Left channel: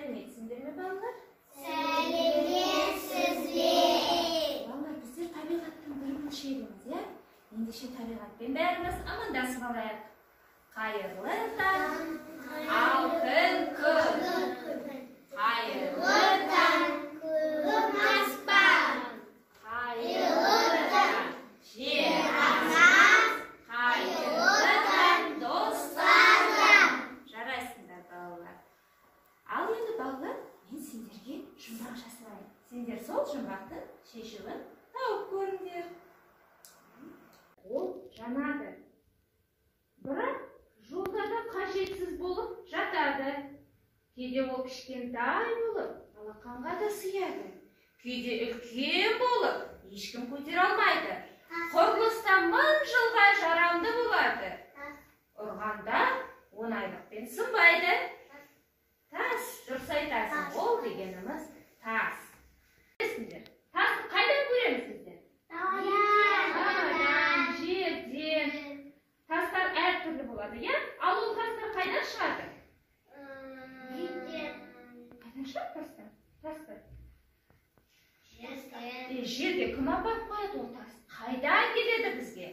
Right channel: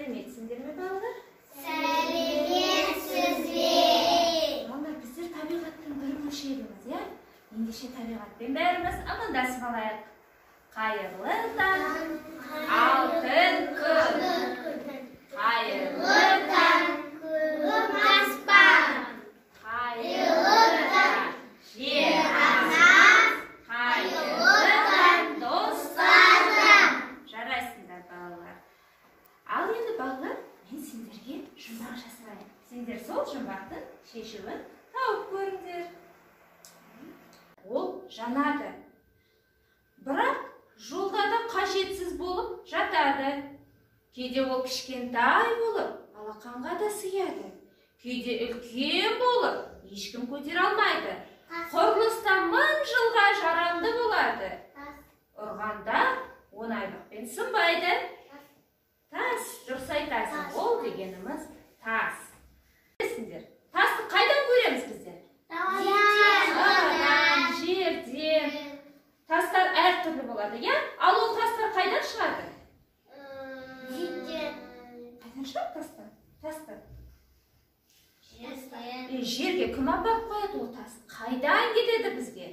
Сәлеметсіңдер ме, балалар? Сәлеметсізбе. Балалар, біздер табиғаттың бір бөлшегіміз, иә? Ендеше табиғатпен бәріміз амандасып алайық. Қайырлы таң, алтын күн. Қайырлы таң, Күн аспан. қайырлы таң, жер ана. Қайырлы таң, достарым. Жарайсыңдар, балалар. Ал енді балалар, мен сендерге жұмбақ жасырайын. Сендер сол жұмбақтың шешуін тауып көріңдер. Ол жанады. Бірақ жолда да қажетсіз болып жатады. Кейде ол кішкентай болып, алақанға да сыяды. Кейде үлкен болып, ешкім көтере алмайды. Құрылыста 1000 жылға жарамды болады. Ұрғанда оңайлықпен сынбайды. Тас, дұрыс айтасың, ол дегеніміз тас. Білесіңдер, тасты қайдан көреміз біздер? Таудан, жерден. Тастар әртүрлі болады, иә? Ал ол тастар қайдан шығады? Қайдан шығады тастар? Тастар. Жерге кім апарып қояды ол тас? Қайдан келеді бізге?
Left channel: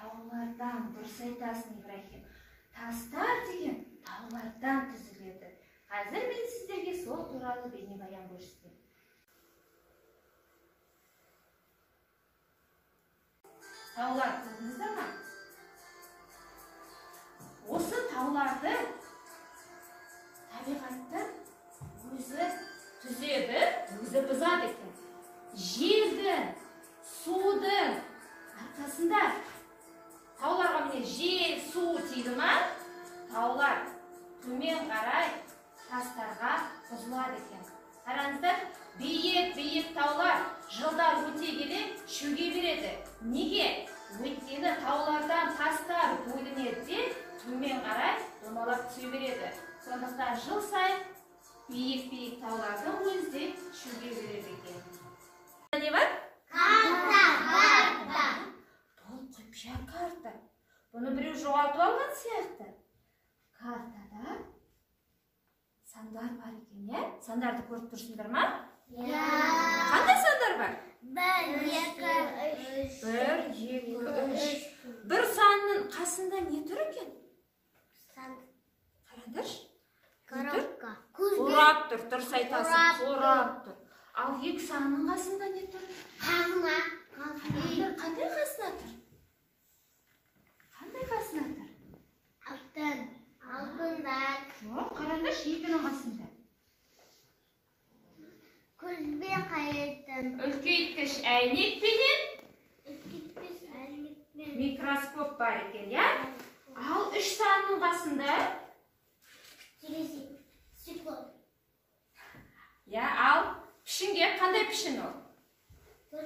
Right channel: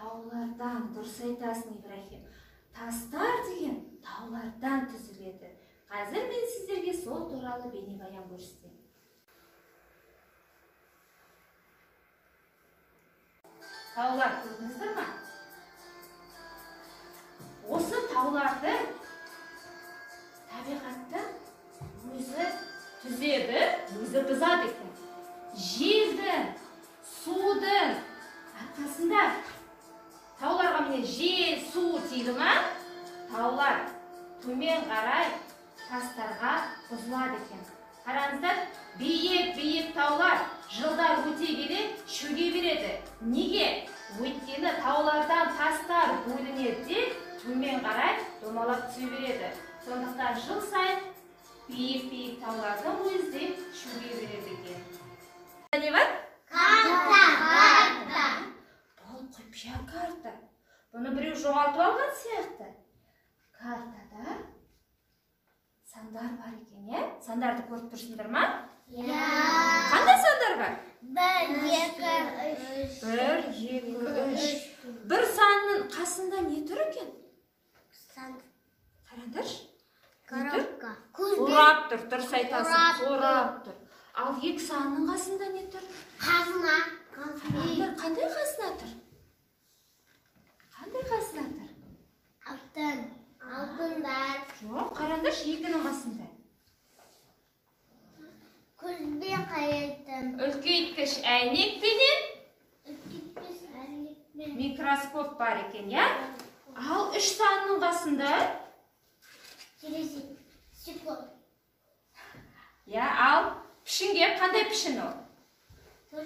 Таулардан, дұрыс айтасың, Ибрахим. Тастар деген таулардан түзіледі. Қазір мен сіздерге сол туралы бейнебаян көрсетемін. Таулар көрдіңіздер ме? Осы тауларды табиғатты өзі түзеді, өзі бұзады екен. Жердің, судың арқасында тауларға міне жел, су тиді ме? Таулар төмен қарай тастарға бұзылады екен. Қараңыздар, биік таулар жылдар өте келе шөге береді. Неге? Өйткені таулардан тастар бөлінеді де төмен қарай домалап түсе береді. Сондықтан жыл сайын биік таулардың өзі де шөге береді екен. Не бар? Карта. Бұл құпия карта. Бұны біреу жоғалтып алған сияқты. Картада сандар бар екен, е? Сандарды көріп тұрсыңдар ма? Қандай сандар бар? 1, 2, 3. 1, 2, 3. Бір санның қасында не тұр екен? Қараңдаршы. Не тұр? Қорап тұр, дұрыс айтасың. Қорап тұр. Ал 2 санның қасында не тұр? Қазына. Қараңдар, қандай қасына тұр? Қандай қасына тұр? Алтындар. Жоқ, қараңдаршы, 2-нің қасында. Көзбен қарайтын. Үлкейткіш әйнекпенен Үлкейткіш әйнекпен. микроскоп бар екен, я? Ал 3 санның қасында? Терезе. Стекло. Я, ал пішінге қандай пішін ол? 4.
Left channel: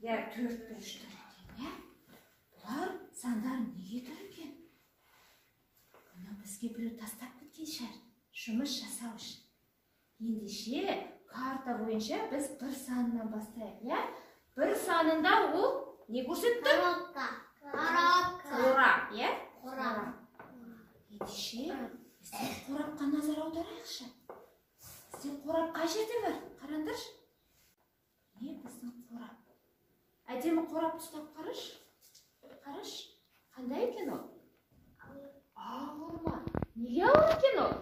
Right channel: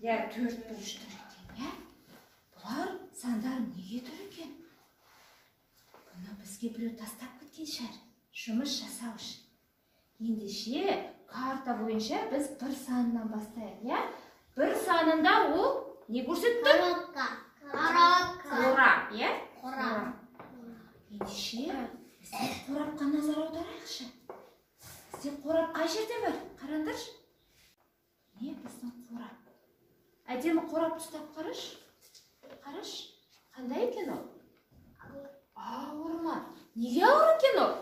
Я, 4 бұрыш тұр екен, я? Бұлар сандар неге тұр екен? Бұны бізге біреу тастап кеткен шығар, жұмыс жасау үшін. Ендеше карта бойынша біз 1 санынан бастайық, я? 1 санында ол не көрсетті? Қорап, я? Қорап. Ендеше бізде қорапқа назар аударайықшы. Бізде қорап қай жерде бар? Қараңдаршы. Не біздің қорап? Әдемі қорап ұстап қараш. Қараш, қандай екен ол? Ауыр ма? Неге ауыр екен ол?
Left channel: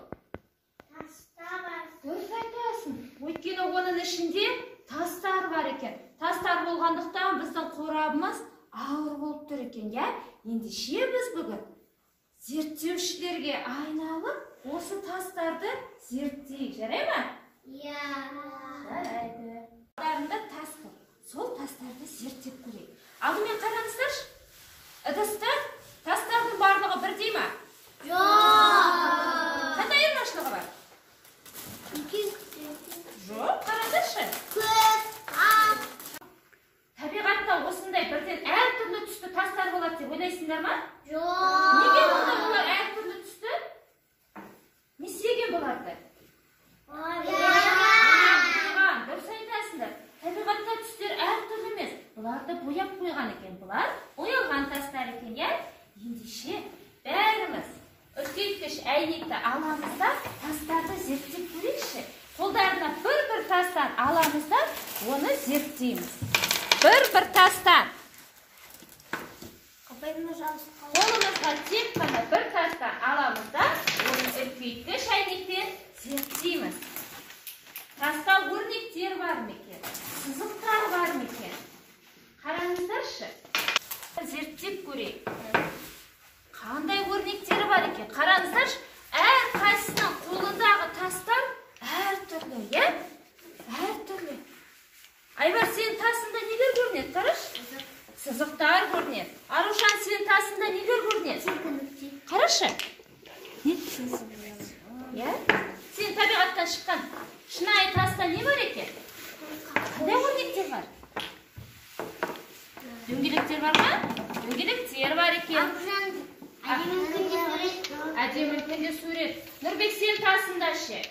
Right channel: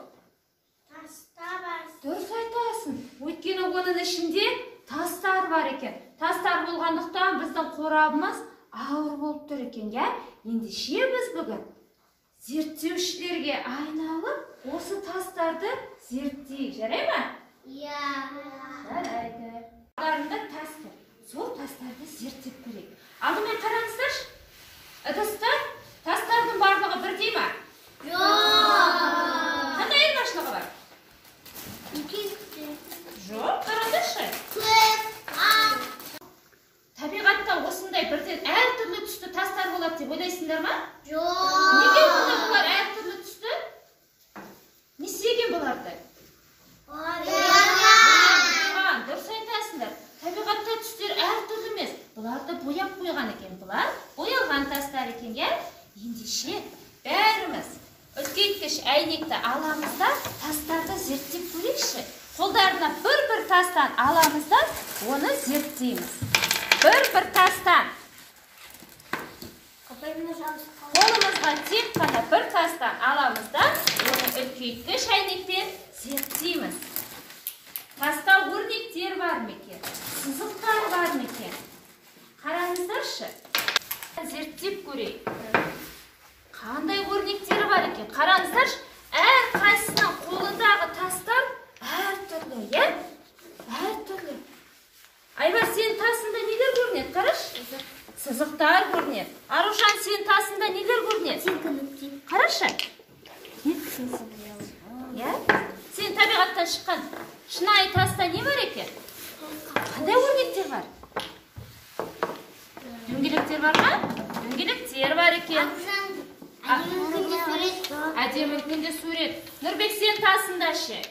Дұрыс айтасың. Өйткені оның ішінде тастар бар екен. Тастар болғандықтан біздің қорабымыз ауыр болып тұр екен, я? Ендеше біз бүгін зерттеушілерге айналып, осы тастарды зерттейік, жарай ма? Жарайды. Аларында тас тұр. Сол тастарды зерттеп көрейік. Алдымен қараңыздаршы. Ыдыстар, тастардың барлығы бірдей ма? Қандай айырмашылығы бар? Жоқ, қараңдаршы. Табиғатта осындай бірден әртүрлі түсті тастар болады деп ойлайсыңдар ма? Неге онда бұлар әртүрлі түсті? Не істеген бұларды? Дұрыс айтасыңдар. Табиғатта түстер әртүрлі емес. Бұларды бояп қойған екен. Бұлар боялған тастар екен, иә? Ендеше үлкейткіш әйнекті аламыз да тастарды зерттеп көрейікші. Қолдарына бір тастан аламыз да оны зерттейміз. Бір тастан. Қолымызға тек қана бір тастан аламыз да оны үлкейткіш әйнекпен зерттейміз. Таста өрнектер бар ма екен? Сызықтар бар ма екен? Қараңыздаршы. Зерттеп көрейік. Қандай өрнектері бар екен? Қараңыздаршы. Әр қайсының қолындағы тастар әр түрлі, е? Әр түрлі. Айбар, сенің тасында нелер көрінеді? Қараш. Сызықтар көрінеді. Арушан, сенің тасында нелер көрінеді? Қарашы. Сен табиғаттан шыққан шынайы таста не бар екен? Қандай өрнектер бар? Дөңгелектер бар ма? Дөңгелектер бар екен. Әдемі үлкенде сурет. Нұрбек, сен тасында ше?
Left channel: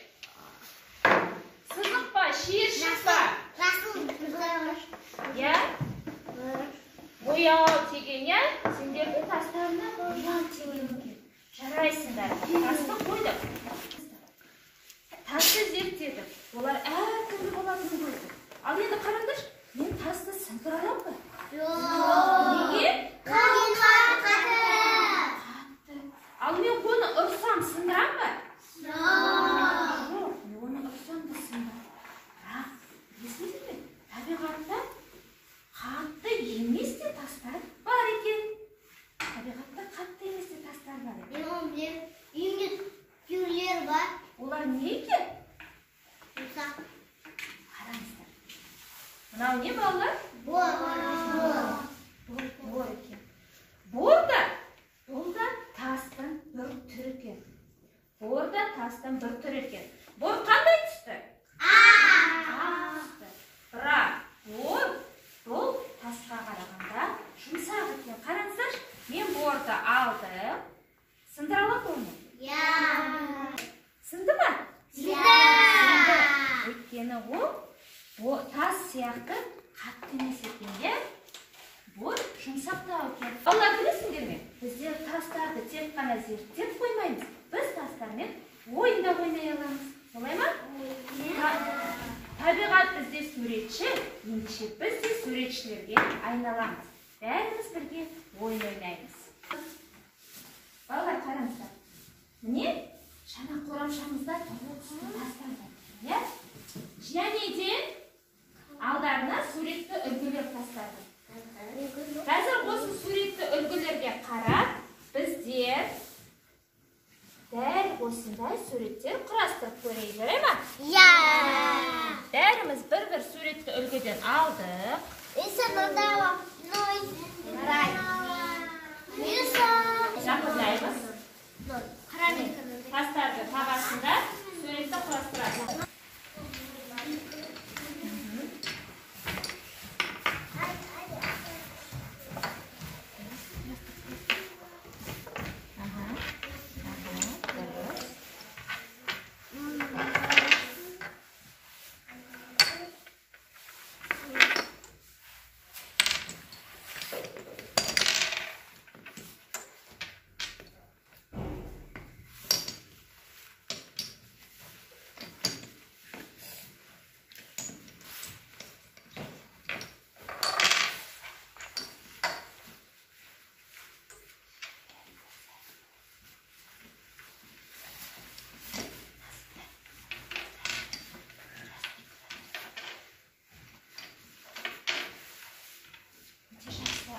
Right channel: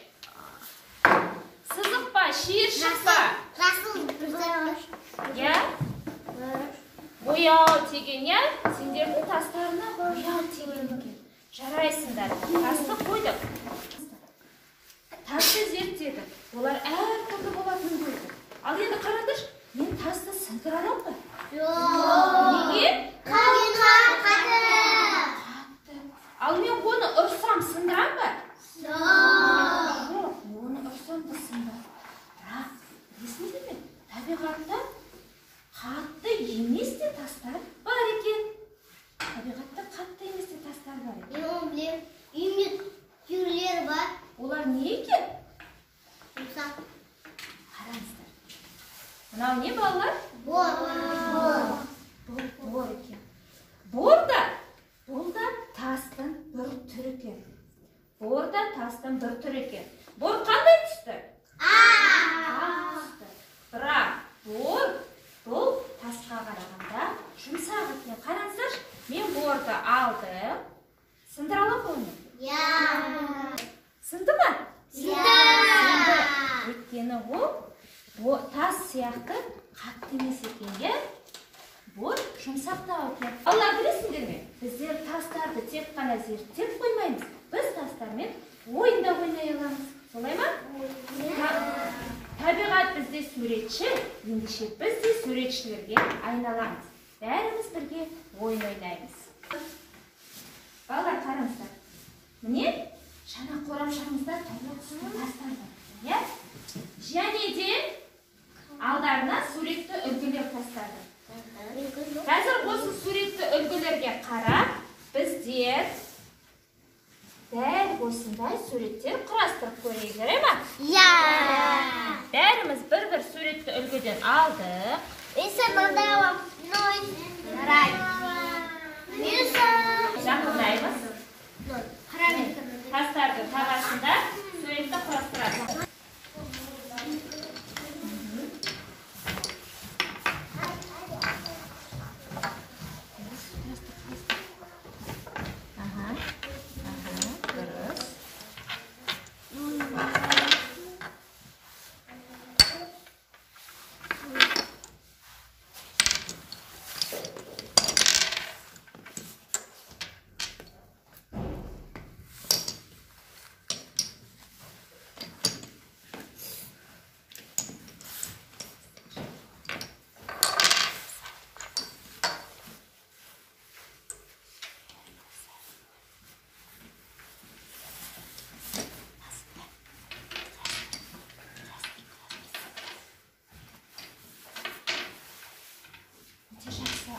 Сызық па, шиыршық па? Я? Бояу теген, я? Сендердің тастарына бояу теген екен. Жарайсыңдар. Тасты қойдық. Тасты зерттедік. Олар әр түрлі болатын көрдік. Ал енді қараңдаршы, мен тасты сындыра аламын ба? Неге? Қатты. Ал мен оны ұрсам сындырам ба? Жоқ, оны ұрсам да сындырам. Бірақ, білесіңдер ме? Табиғатта қатты емес де тастар бар екен. Табиғатта қатты емес де тастар бар екен. Мен оны білем. Үйімде түйелер бар. Олар не екен? Жұмсақ. Қараңыздар. Мынау не балалар? Бор. Бор екен. Бор да тастың бір түрі екен. Бор да тастың бір түрі екен. Бор қандай түсті? Ақ түсті. Бірақ бор бұл тасқа қарағанда жұмсақ екен. Қараңыздаршы, мен борды алдым. Сындыра аламын ба оны? Сынды ма? Сынды. Өйткені ол тас сияқты қатты емес екен. Бор жұмсақтау екен. Балалар, білесіңдер ме? Біздер тастарды тек қана зерттеп қоймаймыз. Біз тастармен ойында ойнай аламыз. Солай ма? Табиғат бізде суретші, ендеше біз де суретшілерге айналамыз. Бәріміз бірге ойын ойнаймыз. Балалар, қараңыздар. Міне, шана қорамшамызда түрлі түсті тастар бар. Және де алдарына суретті үлгілер тастарды. Қазір осы суретті үлгілерге қарап, біздер дәл осындай суреттер құрастырып көрейік, жарай ма? Бәріміз бір суретті үлгіден алдық. Жақындаймыз. Тастарды қағасында суретті құрастырады.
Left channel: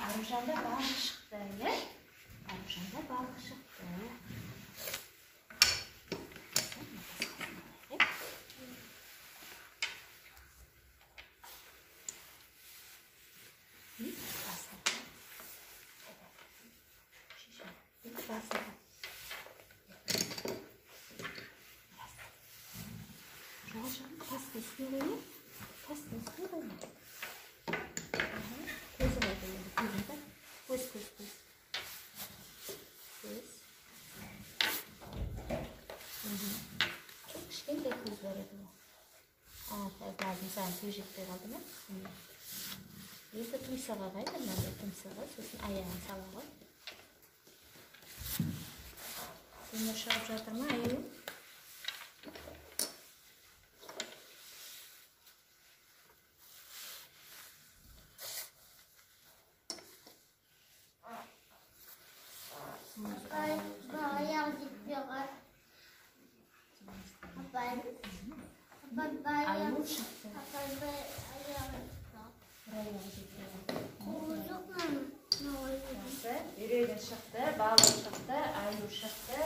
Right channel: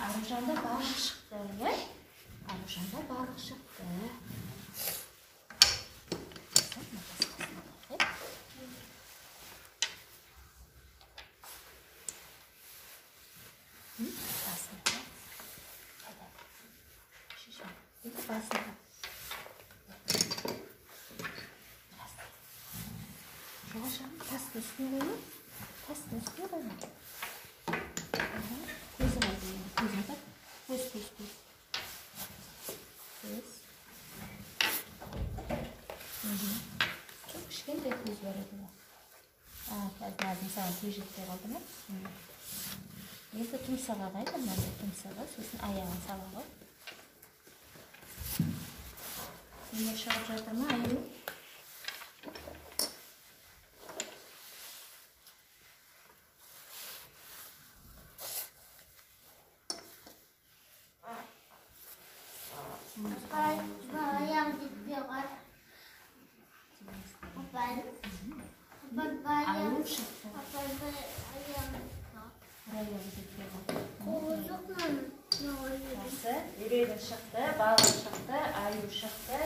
Arujanda balık çıktı, ya? Arujanda balık çıktı. Tasın üstüne koyayım. Tasın üstüne koyayım. Gözüme koyayım. Gözüme. Göz. Çok kişken de göz var adı. Lazım sana tüyecekler aldı mı? Yerde tümsağa koyalım. Tümsağa. Sosun ayağını sağa koy. Bunda шығып жатыр ма, аю? Апай, баян жетпей қар. Апай, баян. Аю шықты. Апай, баян. Аяғы жетпей қалды. Қолы жоқ мам. Жақсы. Үйрегі шықты, балы шықты, аю шықты.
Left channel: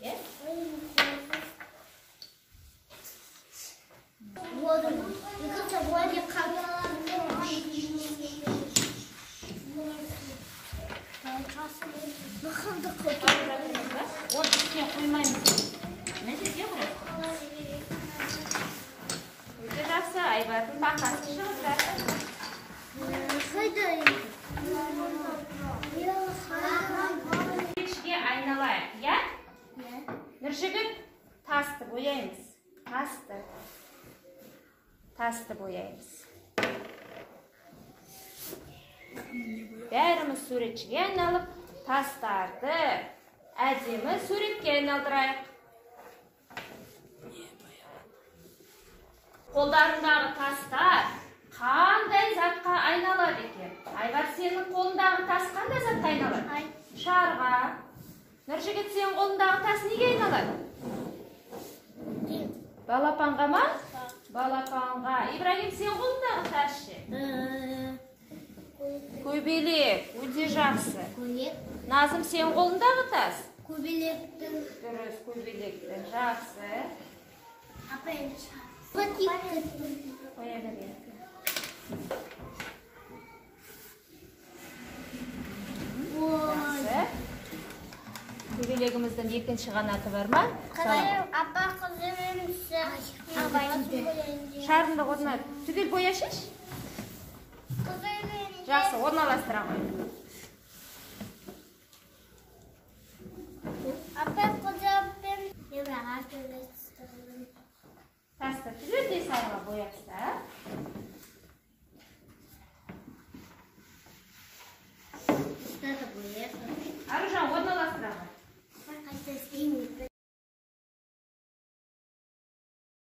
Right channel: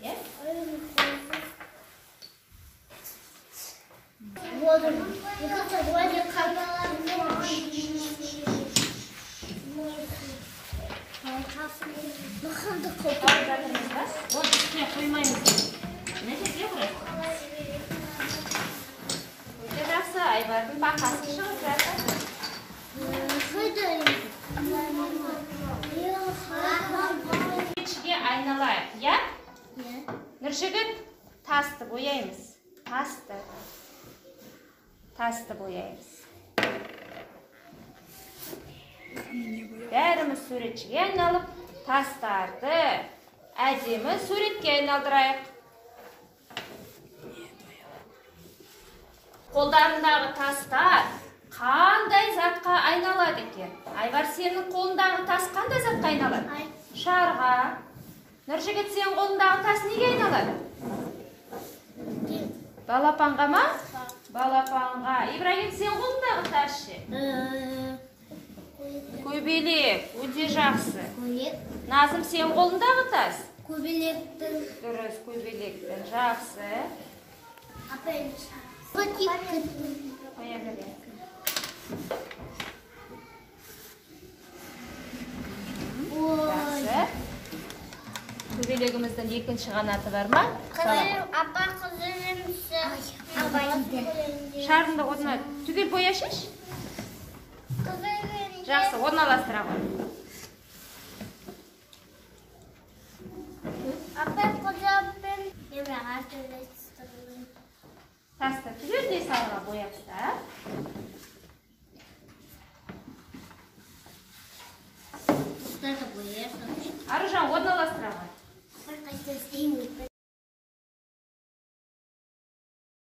Е? Вот он. Екінші вроде қайдалар. Махамды көп. Оны үстіне қоймаймыз. Не жерге қойасыз? Өте жақсы, Айбардың бақасы шығып жатыр. Суретшіге айналайық, я? Нұржігіт, тасты бояймыз. Тасты бояймыз. Бәріміз суретшіге айналып, тастарды әдемі суретке айналдырайық. Қолдарындағы тастар қандай затқа айналады екен? Айбар, сенің қолындағы тас қандай затқа айналады? Шарға. Нұржігіт, сенің қолындағы тас неге айналады? Балапанға ма? Балапанға. Ибрагим, сенің қолындағы тас ше? Көбелек. Өте жақсы. Назым, сенің қолындағы тас? Көбелектің. Дұрыс, көбелектің. Жақсы. Апай, пакеттің. Қоя берейік. Жақсы. Көбелегіміздің екінші қанаты бар ма? Апа, қызырымсы. Апай, Шарыңды орнына түгел бояшыш. Жақсы, орналастыра қой. Апай, қызырымпен. Емраға төлестірілін. Тасты түгелдей салға бояпса. Бұстарды боясың. Аружан, орналастыра қой. Апай, қайта істеймін.